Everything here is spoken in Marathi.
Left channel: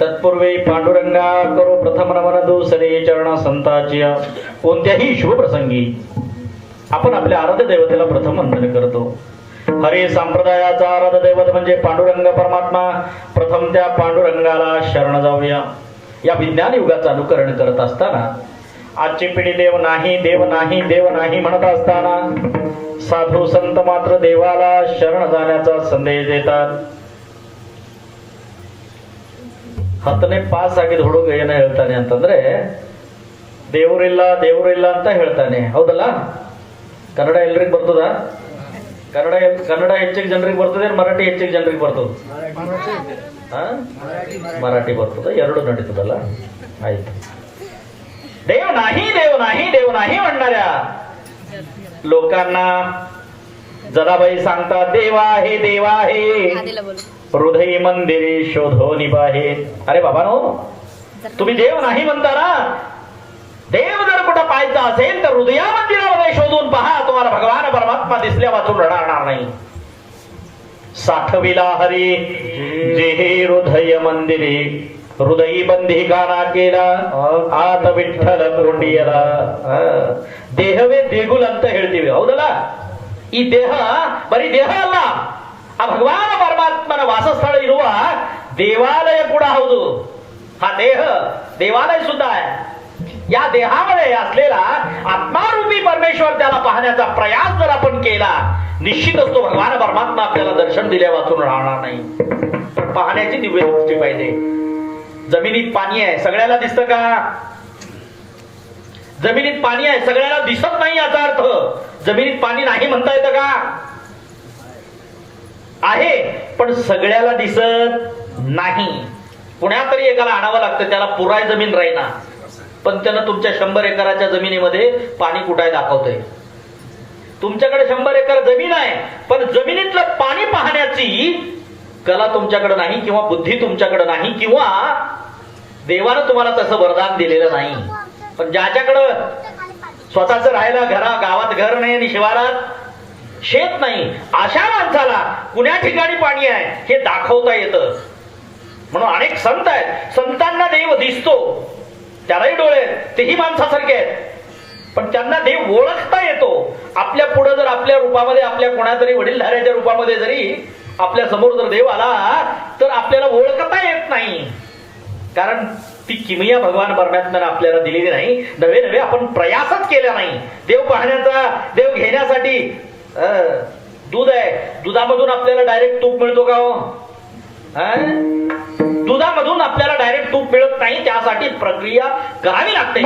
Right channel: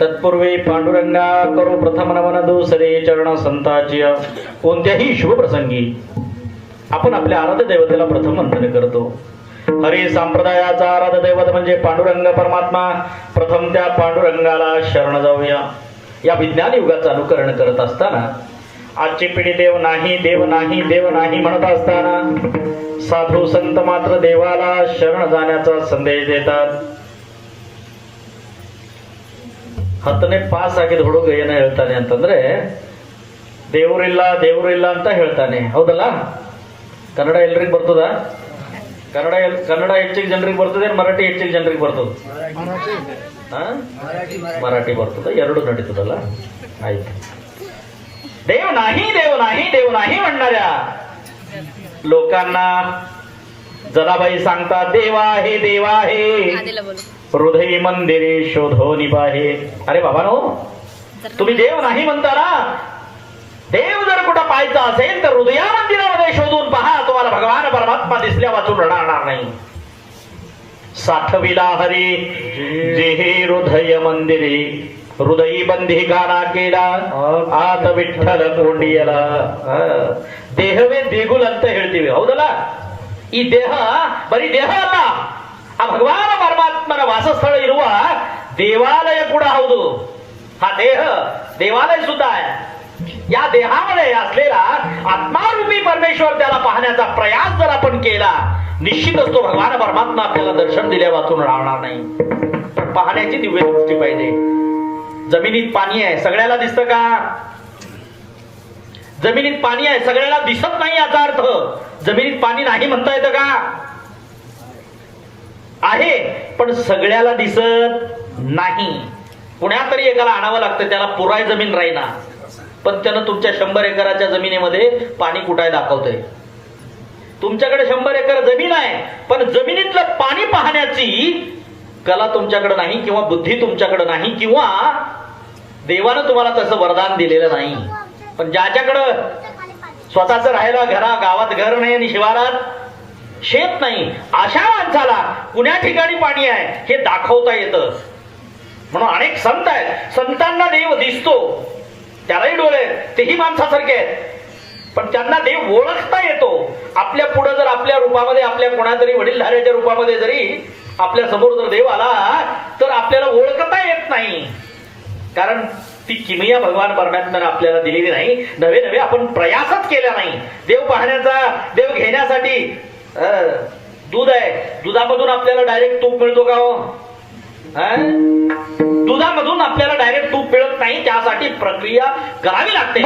तत्पूर्वी पांडुरंगा करो प्रथम नमन दुसरे चरण संताची. कोणत्याही शुभ प्रसंगी आपण आपल्या आराध्य देवतेला प्रथम वंदन करतो. हरी संप्रदायाचा आराध्य दैवत म्हणजे पांडुरंग परमात्मा. प्रथम त्या पांडुरंगाला शरण जाऊया. या विज्ञान युगाचं अनुकरण करत असताना आजची पिढी देव नाही देव नाही देव नाही म्हणत असताना साधू संत मात्र देवाला शरण जाण्याचा संदेश देतात. ಹತ್ತನೇ ಪಾಸ್ ಆಗಿದ ಹುಡುಗ ಏನೋ ಹೇಳ್ತಾನೆ ಅಂತಂದ್ರೆ ದೇವರಿಲ್ಲ ಅಂತ ಹೇಳ್ತಾನೆ. ಹೌದಲ್ಲ? ಕನ್ನಡ ಎಲ್ರಿಗೂ ಬರ್ತದ? ಕನ್ನಡ ಹೆಚ್ಚಿಗೆ ಜನರಿಗೆ ಬರ್ತದೆ, ಮರಾಠಿ ಹೆಚ್ಚಿಗೆ ಜನರಿಗೆ ಬರ್ತದ? ಮರಾಠಿ ಬರ್ತದೆ, ಎರಡು ನಡೀತದಲ್ಲ. ಆಯ್ತು. देव नाही म्हणणाऱ्या लोकांना जनाबाई सांगतात देव आहे हृदय मंदिरे शोधो निभाहे. अरे बाबा नो, तुम्ही देव नाही म्हणता ना, देव जर कुठं पाहायचा असेल तर हृदया मंदिरामध्ये शोधून पहा, तुम्हाला भगवान परमात्मा दिसल्या वाचून रडणार नाही. साठविला हरी जेहे हृदय मंदिरे हृदयी बंधी गाना केला ಆತ ವಿಠಲ ಕೊಂಡಿಯಲ. ದೇಹವೇ ದೇಗುಲ ಅಂತ ಹೇಳ್ತೀವಿ, ಹೌದಲ್ಲ? ಈ ದೇಹ ಬರೀ ದೇಹ ಅಲ್ಲ, ಆ ಭಗವಾನ ಪರಮಾತ್ಮನ ವಾಸಸ್ಥಳ ಇರುವ ದೇವಾಲಯ ಕೂಡ ಹೌದು. हा देह देवालय सुद्धा आहे. या देहामध्ये असलेला आत्मारूपी परमेश्वर त्याला पाहण्याचा प्रयास जर आपण केला, निश्चितच तो भगवान परमात्मा आपल्याला दर्शन दिल्या वाचून राहणार नाही. पाहण्याची दिव्य दृष्टी पाहिजे. जमिनीत पाणी आहे, सगळ्याला दिसतं का? जमिनीत पाणी आहे, सगळ्याला दिसत नाही याचा अर्थ जमिनीत पाणी नाही म्हणता येतं का? आहे, पण सगळ्याला दिसत नाही. पुण्यात तरी एकाला आणावं लागतं, त्याला पुराय जमीन राहीना, पण त्यानं तुमच्या 100 एकराच्या जमिनीमध्ये पाणी कुठाय दाखवतंय. तुमच्याकडे 100 एकर जमीन आहे, पण जमिनीतलं पाणी पाहण्याची कला तुमच्याकडे नाही, किंवा बुद्धी तुमच्याकडे नाही, किंवा देवानं तुम्हाला तसं वरदान दिलेलं नाही. पण ज्याच्याकडं स्वतःच राहायला गावात घर नाही आणि शिवारात शेत नाही, अशा माणसाला कुण्या ठिकाणी पाणी आहे हे दाखवता येतं. म्हणून अनेक संत आहेत, संतांना देव दिसतो, त्यालाही डोळे, तेही माणसासारखे आहेत, पण त्यांना देव ओळखता येतो. आपल्या पुढे जर आपल्या रूपामध्ये, आपल्या कोणातरी वडीलधाऱ्याच्या रूपामध्ये जरी आपल्या समोर जर देव आला तर आपल्याला ओळखता येत नाही, कारण ती किमया भगवान परमात्म्याने आपल्याला दिलेली नाही. नवे आपण प्रयासच केला नाही. देव पाहण्याचा, देव घेण्यासाठी दूध आहे, दुधामधून आपल्याला डायरेक्ट तूप मिळतो का हो? दुधामधून आपल्याला डायरेक्ट तूप मिळत नाही, त्यासाठी प्रक्रिया करावी लागते.